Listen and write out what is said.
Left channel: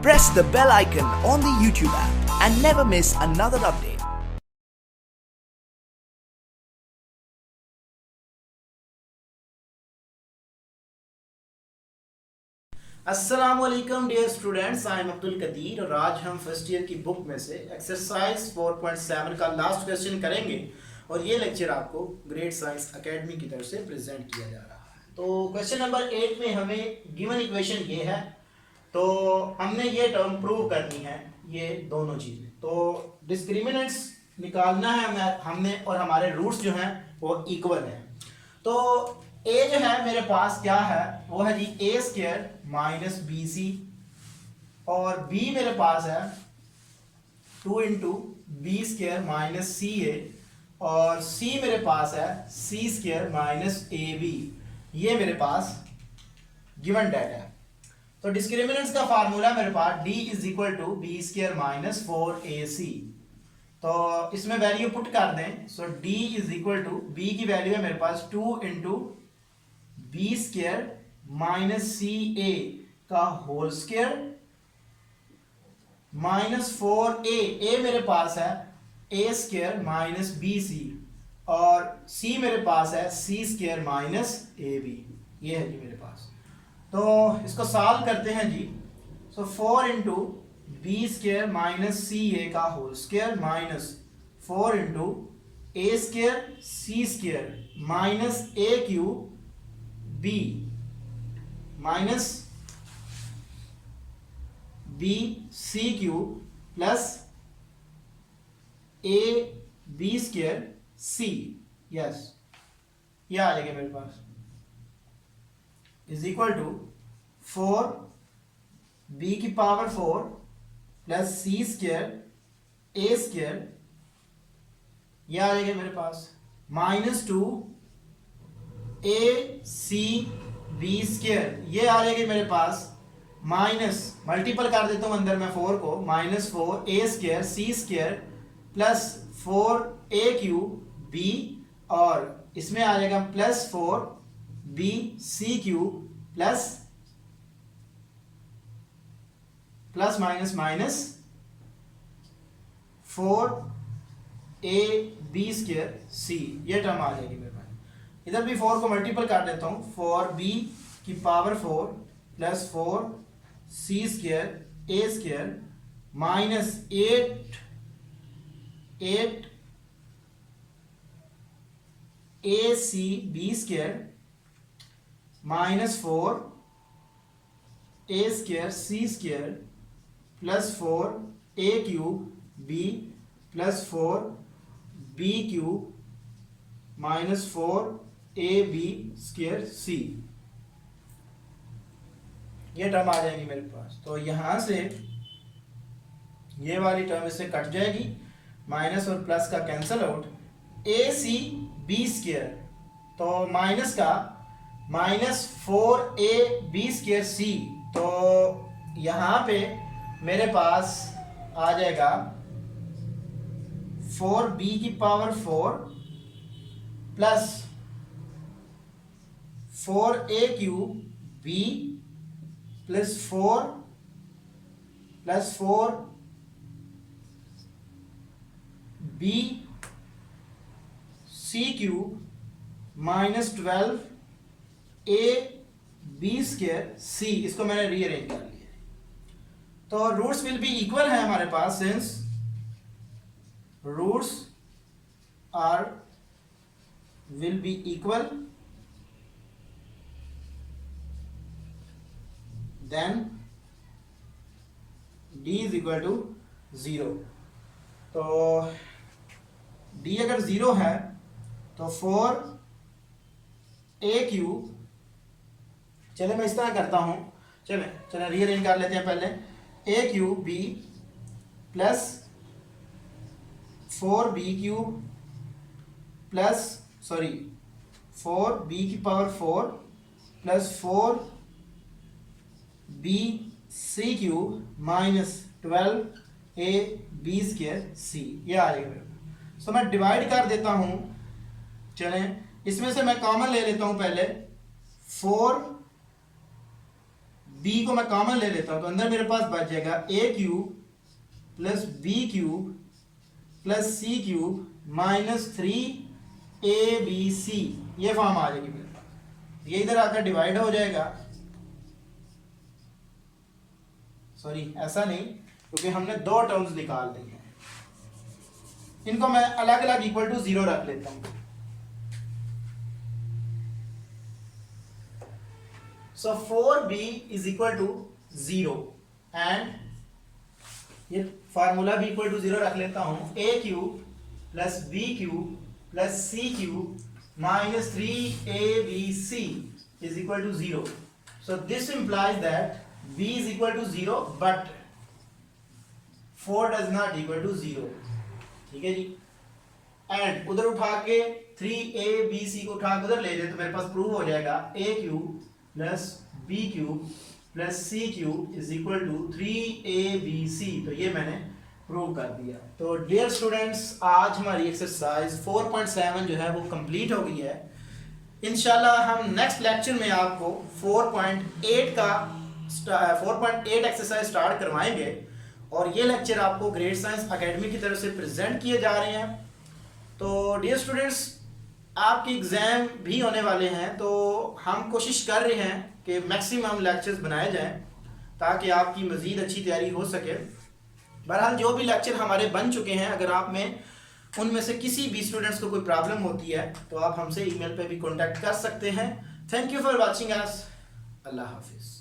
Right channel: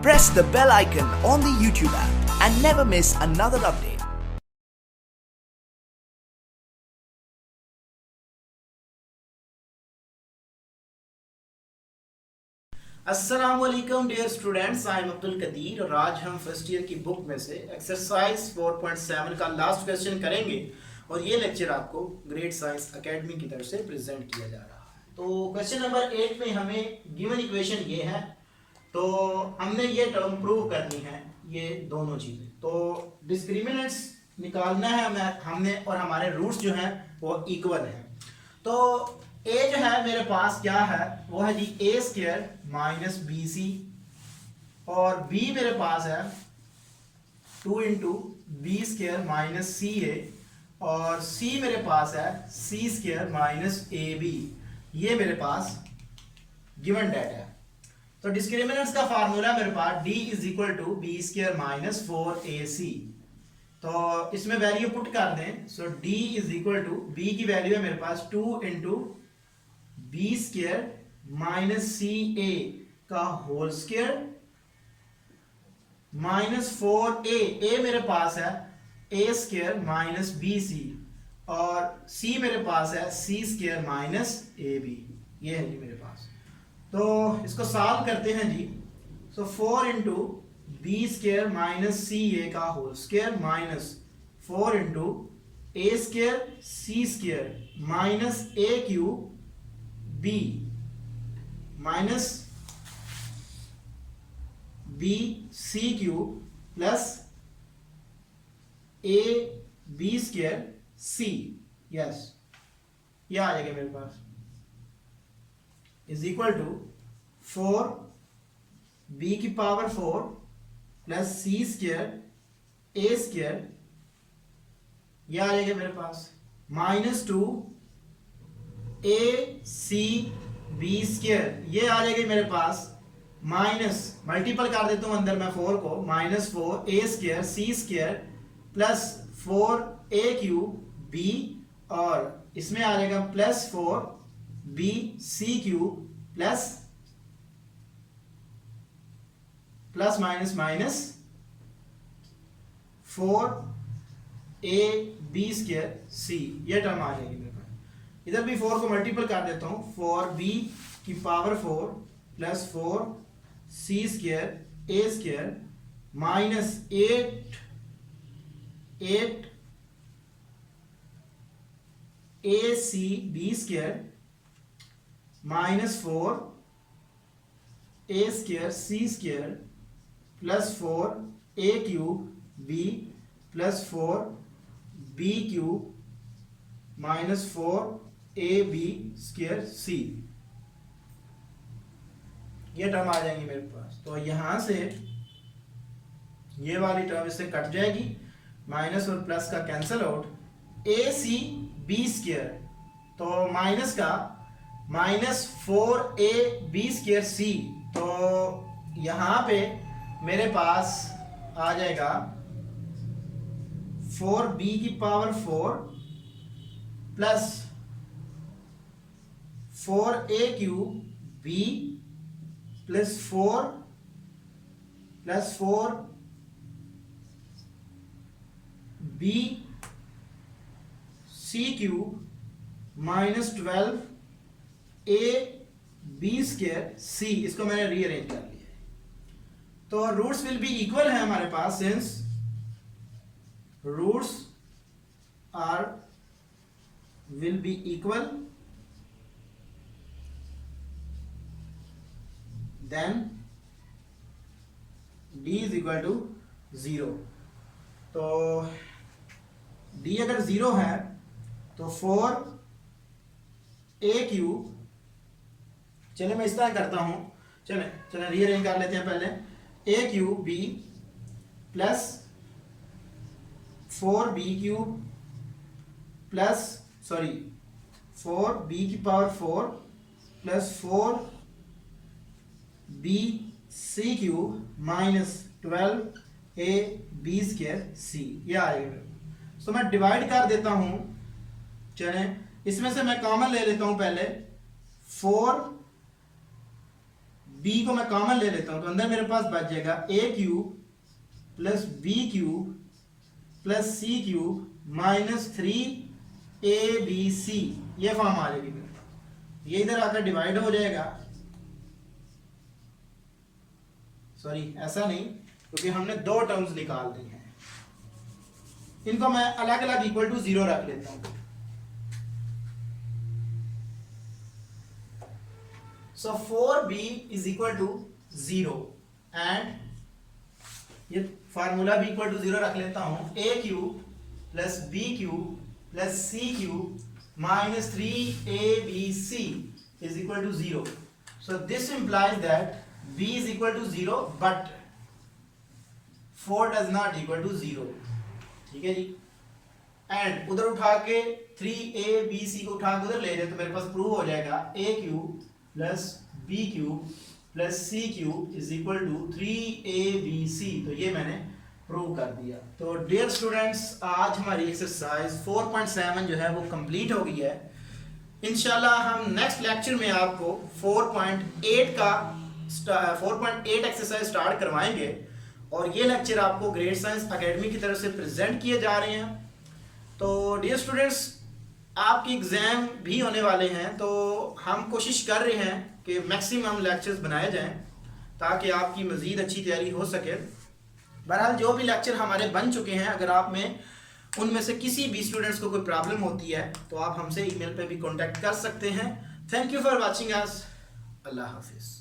Press the bell icon on the YouTube app and never miss another update. अस्सलाम वालेकुम dear students, I am Abdul Qadir और आज हम first year की book में से एक्सरसाइज 4.7 का लास्ट क्वेश्चन करेंगे और ये लेक्चर आपको ग्रेट साइंस एकेडमी की तरफ से प्रेजेंट किया जा रहा है। तो क्वेश्चन नंबर 8 में हमें गिवन इक्वेशन ये है, तो हमने ये टर्म प्रूव करनी है, ये दोनों चीज़ें। तो डिस्क्रिमिनेंट्स निकालना है हमने और हमारे रूट्स जो हैं वो इक्वल हैं। तो ए जो है मेरे पास क्या है, वो है जी ए स्क्वायर माइनस बी सी, और बी मेरे पास है 2 into B square minus C ए, और सी मेरे पास है C square minus A B. ये मेरे पास गिवन डेटा है। तो डिस्क्रिमिनेंट्स का फार्मूला मेरे पास D is equal to B square minus 4ac। तो इसमें वैल्यू पुट कर दें। So D is equal to B की वैल्यू है मेरे पास 2 into B square minus C A का होल स्क्वायर माइनस 4a। मेरे पास है A square minus B C, और सी मेरे पास है C square minus A B. ये है जी मेरे पास। तो इसको सॉल्व करते हैं जी। So 4 into B square minus C A का whole square minus 4 into A square C square minus A cube B minus B C cube plus A B square C. Yes, यह आ जाएगा मेरे पास इज इक्वल टू 4 बी की power 4 plus C square A square, यह आ जाएगा मेरे पास minus 2 A C B square. ये आ जाएगी मेरे पास माइनस, मल्टीपल कर देता हूँ अंदर मैं 4 को, minus 4 A square C square plus 4 A cube B, और इसमें आ जाएगा plus 4 B C cube plus plus minus minus 4 A B square C. ये टर्म आ जाएगी मेरे पास। इधर भी 4 को मल्टीपल कर देता हूँ, 4 बी की power 4 plus 4 C square A square minus 8 A C B square minus 4 A square C square plus 4 A cube B plus 4 B cube minus 4 A B square C. ये टर्म आ जाएंगी मेरे पास। तो यहां से ये वाली टर्म इससे कट जाएगी, माइनस और प्लस का कैंसिल आउट, ए सी बी स्क्वायर, तो माइनस का माइनस 4 ए बी स्क्वायर सी। तो यहां पे मेरे पास आ जाएगा 4 बी की power 4 plus 4 A cube B plus 4 B C cube minus 12 A B square C. इसको मैंने रीअरेंज कर लिया है। तो रूट्स विल बी इक्वल है हमारे पास, since roots are will be equal, then d is equal to 0। तो d अगर 0 है तो 4 ए क्यूब, चले मैं इस तरह करता हूं, चले रीअरेंज कर लेते हैं पहले, A cube B plus 4 B cube plus 4 B की power 4 plus 4 B C cube minus 12 A B square C. ये आ जाएगा। सो मैं डिवाइड कर देता हूं। चलें इसमें से मैं कॉमन ले लेता हूं पहले, 4 b को मैं कॉमन ले लेता हूँ तो अंदर मेरे पास बच जाएगा a cube plus b cube plus c cube minus 3abc, ये फॉर्म आ जाएगी मेरे पास। ये इधर आकर डिवाइड हो जाएगा, सॉरी ऐसा नहीं, क्योंकि हमने दो टर्म्स निकाल दी हैं, इनको मैं अलग अलग इक्वल टू 0 रख लेता हूं। So 4b is equal to 0 and ये फार्मूला भी इक्वल टू 0 रख लेता हूं, a cube plus b cube plus c cube minus 3abc is equal to 0। So this implies that b is equal to 0 but 4 does not equal to 0, ठीक है जी। And उधर उठा के 3abc को उठा के उधर ले जाए तो मेरे पास प्रूव हो जाएगा a cube plus b cube plus c cube is equal to 3abc, तो ये मैंने प्रूव कर दिया। तो डियर स्टूडेंट्स, आज हमारी एक्सरसाइज 4.7 जो है वो कंप्लीट हो गई है। इंशाल्लाह हम नेक्स्ट लेक्चर में आपको 4.8 एक्सरसाइज स्टार्ट करवाएंगे और ये लेक्चर आपको ग्रेट साइंस एकेडमी की तरफ से प्रेजेंट किए जा रहे हैं। तो डियर स्टूडेंट्स, आपके एग्ज़ाम भी होने वाले हैं, तो हम कोशिश कर रहे हैं कि मैक्सिमम लेक्चर्स बनाए जाएं ताकि आपकी मज़ीद अच्छी तैयारी हो सके। बहरहाल जो भी लेक्चर हमारे बन चुके हैं, अगर आप में उनमें से किसी भी स्टूडेंट्स को कोई प्रॉब्लम होती है तो आप हमसे ईमेल पे भी कांटेक्ट कर सकते हैं। Thank you for watching us. अल्लाह हाफिज़।